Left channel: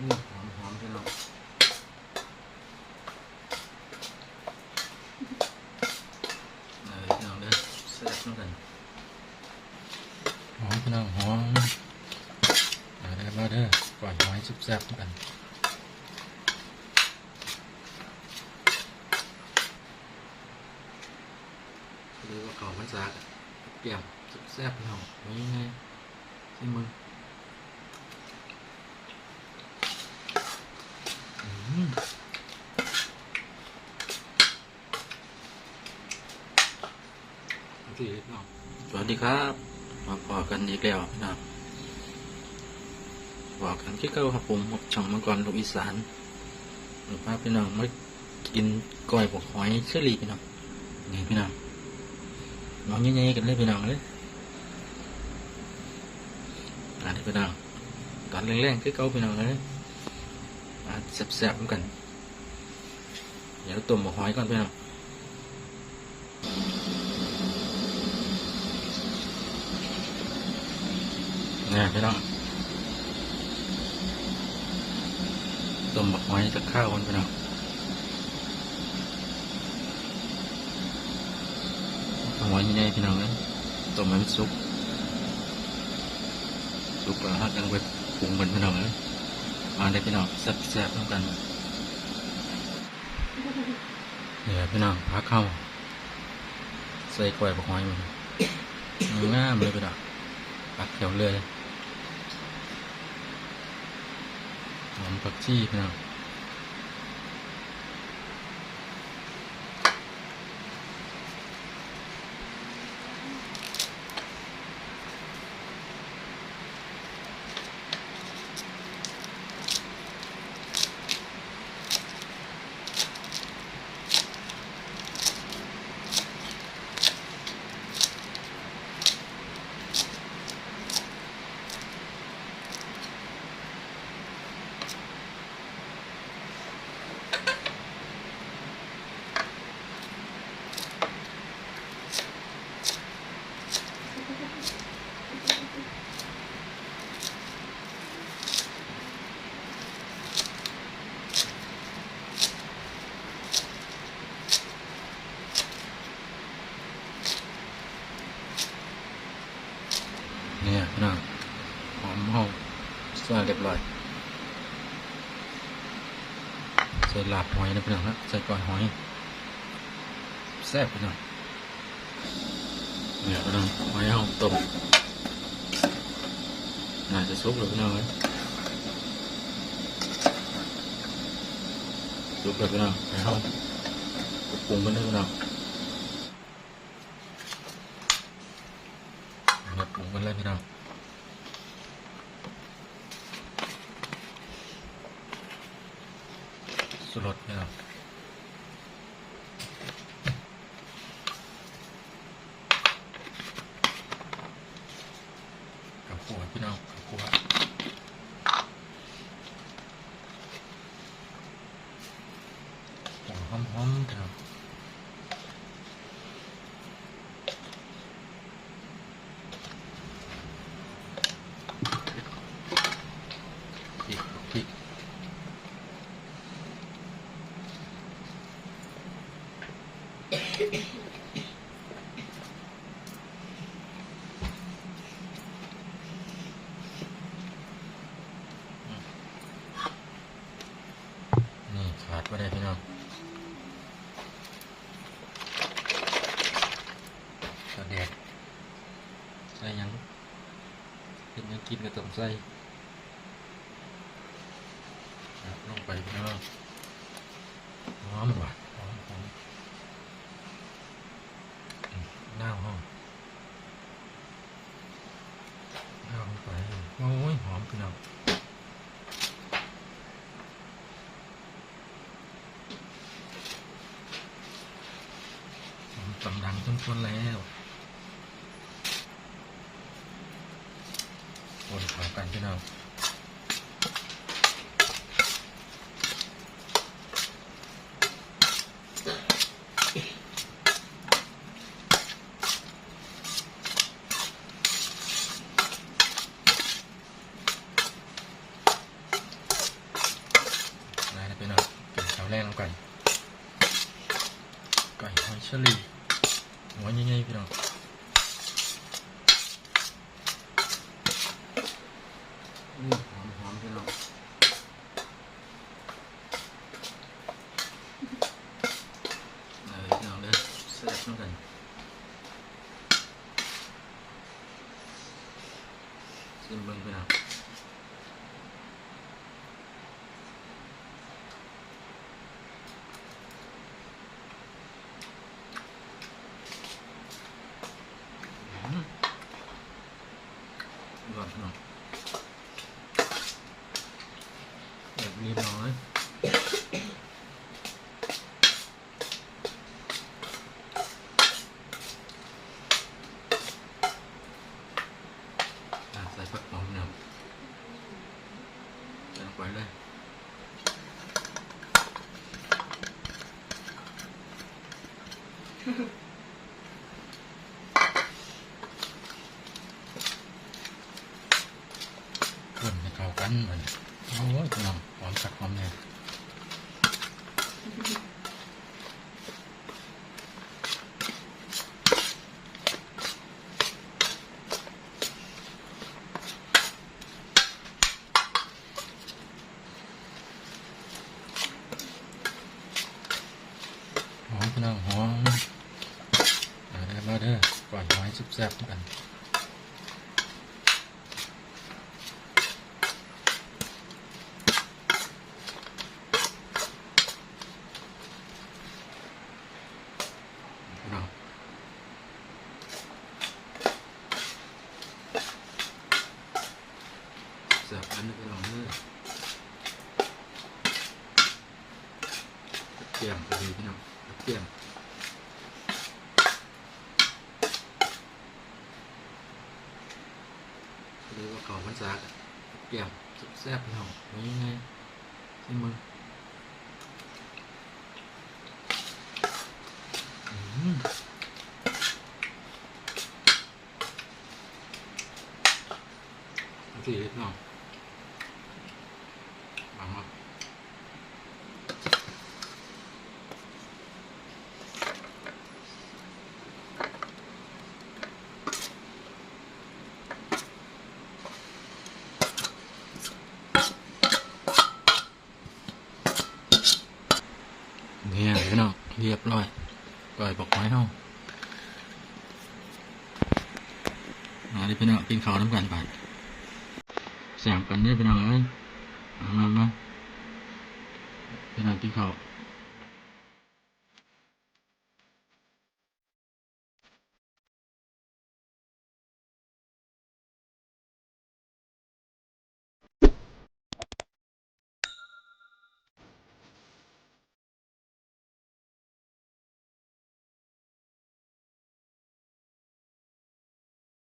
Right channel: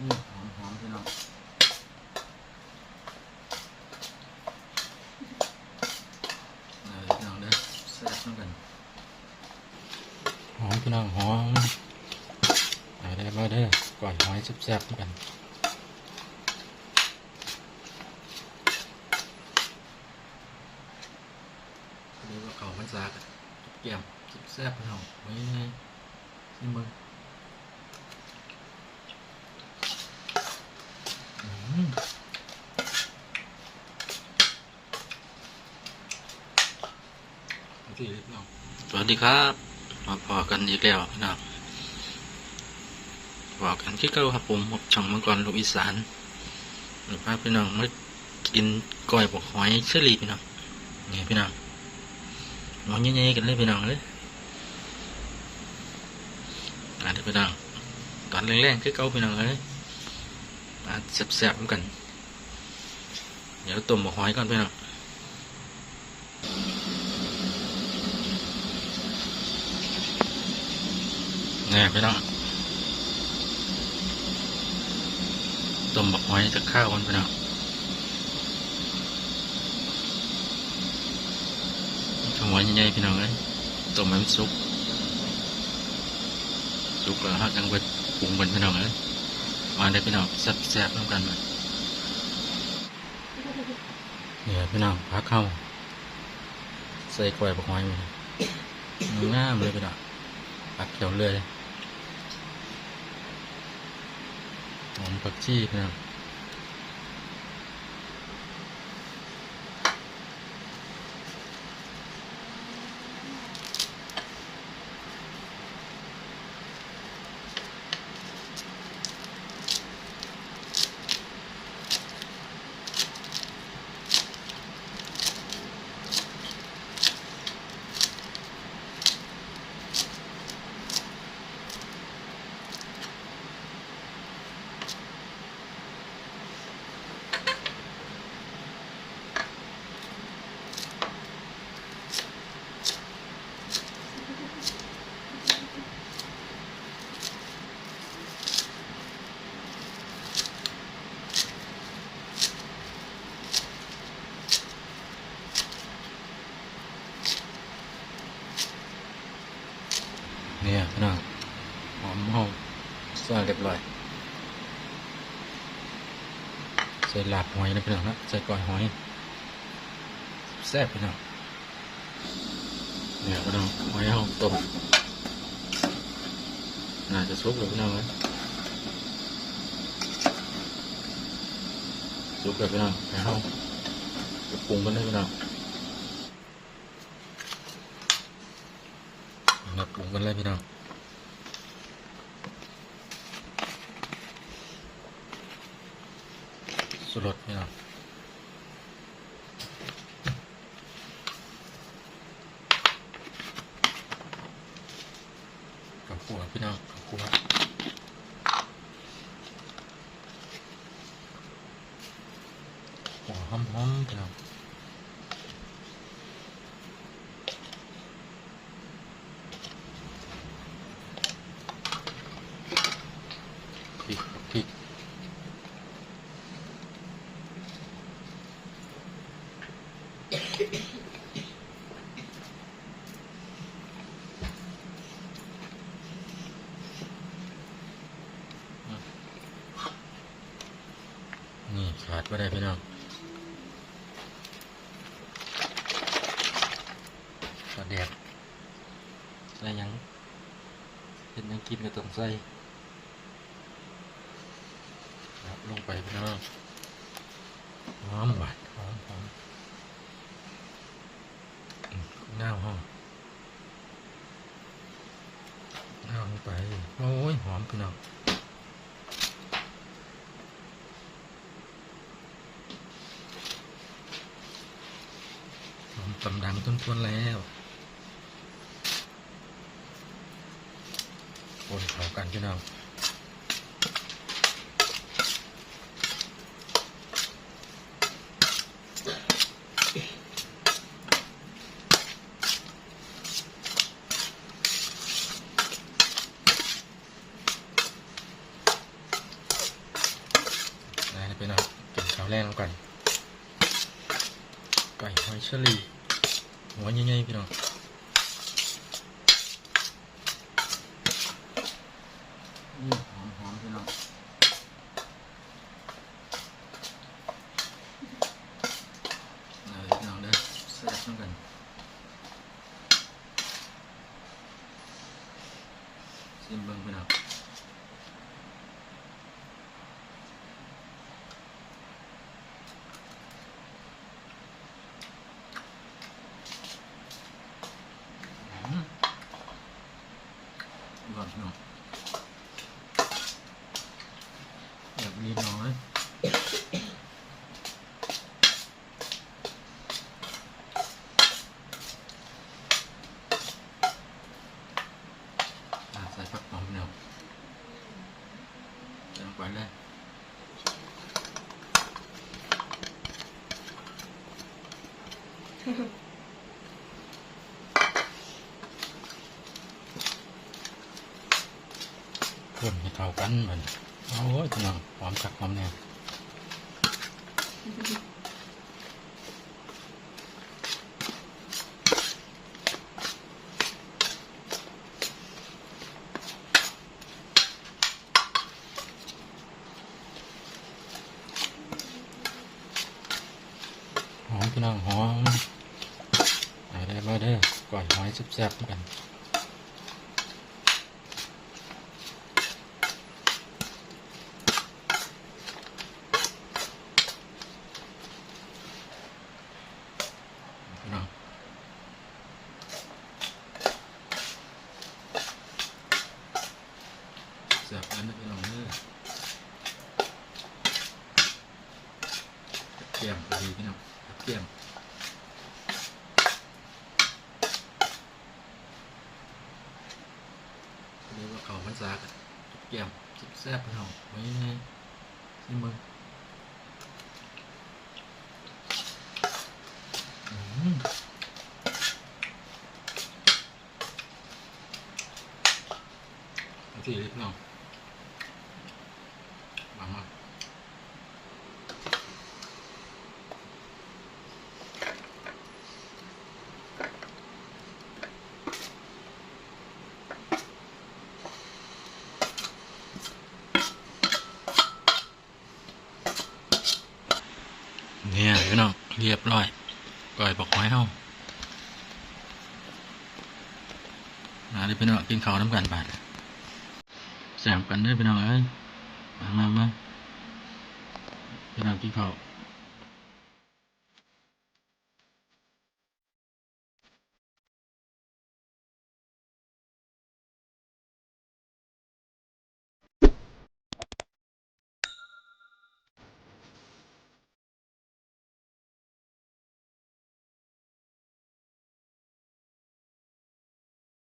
อืมหอมหอมพี่น้องเอาเลยพี่น้องเด้อแซ่บน้ำกันหอมพี่น้องหอมเอาได้มาเด้อก่อนหอยแซ่บๆน้ำกันหรือว่าเขามันซากอะกับแก้มแซ่บๆพี่น้องไว้ยังไงซิมึงอืมโอเค พี่น้องสวัสดีครับมาพอกันอีกแล้วพี่น้องพอกันที่เก้าครับผมช่องมังกรลูกอีสานหรือพาพี่น้องมากินก้อยบกหอยเชอรี่พี่น้องนี่พี่น้องมองใหญ่ๆกันเลยพี่น้องเลยอ่าเดี๋ยวพี่น้องตอนแรงๆคือเก่าพี่น้องเลยอ่าแซ่บๆกัน เดี๋ยวต้มหมกหอยก่อนพี่น้อง นี่พี่น้องต้มหมกหอยจะข้าวกันพี่น้องหัวใหญ่ๆพี่น้องเลยต้มให้มันสุกสุกแล้วฮะจังไปปรุงเป็นพี่น้องเลยมาได้พี่น้องแซ่บๆน้ำกันมาเนี่ยพี่น้องพักเข้าใส่กล้วยบักหอยมันงามเลยพี่น้องพักแถวเลย หอมผักชีนะครับ เนี่ยพี่น้องหอมหอมสะอาดเรียบร้อยใส่ลาบหอยนะพี่น้องนะใส่ก้อยหอยแซ่บพี่น้องเนี่ยพี่น้องหอยเอาต้มน่าจะสุกเลยพี่น้องเลยสุกเลยพี่น้องไปเอาไปปรุงกันได้พี่น้องุงกันเลยพี่น้องสุรสเนี่ยกับขัวพี่น้องขัวหอมหอมๆพี่น้องพริกพริก นี่ขาได้พี่น้องขาดแดดใส่ยังเป็นยังกินก็ต้องใส่ลงไปพี่น้องหอมว่ะหอมหอมหน้าห้องหน้าลงไปโอ้ยหอมพี่น้อง กำดังต้นแล้ว โอ้ขากันพี่น้องพี่น้องกินข้าวแรกน้ำไก่ไก่หอยเชอรี่ หัวใหญ่ๆพี่น้องหอมหอมๆพี่น้องเอาเลยพี่น้องเด้อแซ่บน้ำกันซิมเบิ้งไปนะอืมก่อนพี่น้องแบบเรียบร้อยอะใส่ผักหอมพี่น้องใส่ลงไปเลย เพื่อนให้เข้ากันเหมือนโอ้ยพี่น้องหอมสักหอมเนี่ยหอมพี่น้องหอม เอาได้าเด้อก่อนหอยแซ่บๆกันพี่น้องเสิร์ฟอันนี้พี่น้องเด้อกระเทียมพอดีพี่น้องกระเทียมห รือว่าเขาพันซากอะกระเทียมแซ่บๆพี่น้องไว้ยังไงซิมึงอืม Oke, lihat no. Lama. Nào, liệp rồi. Rồi bọc máy không? มาดิพี่น้องกินข้าวน้ำกันไปแสมกันได้พี่น้องเอ้ยมามาพี่น้องกินข้าว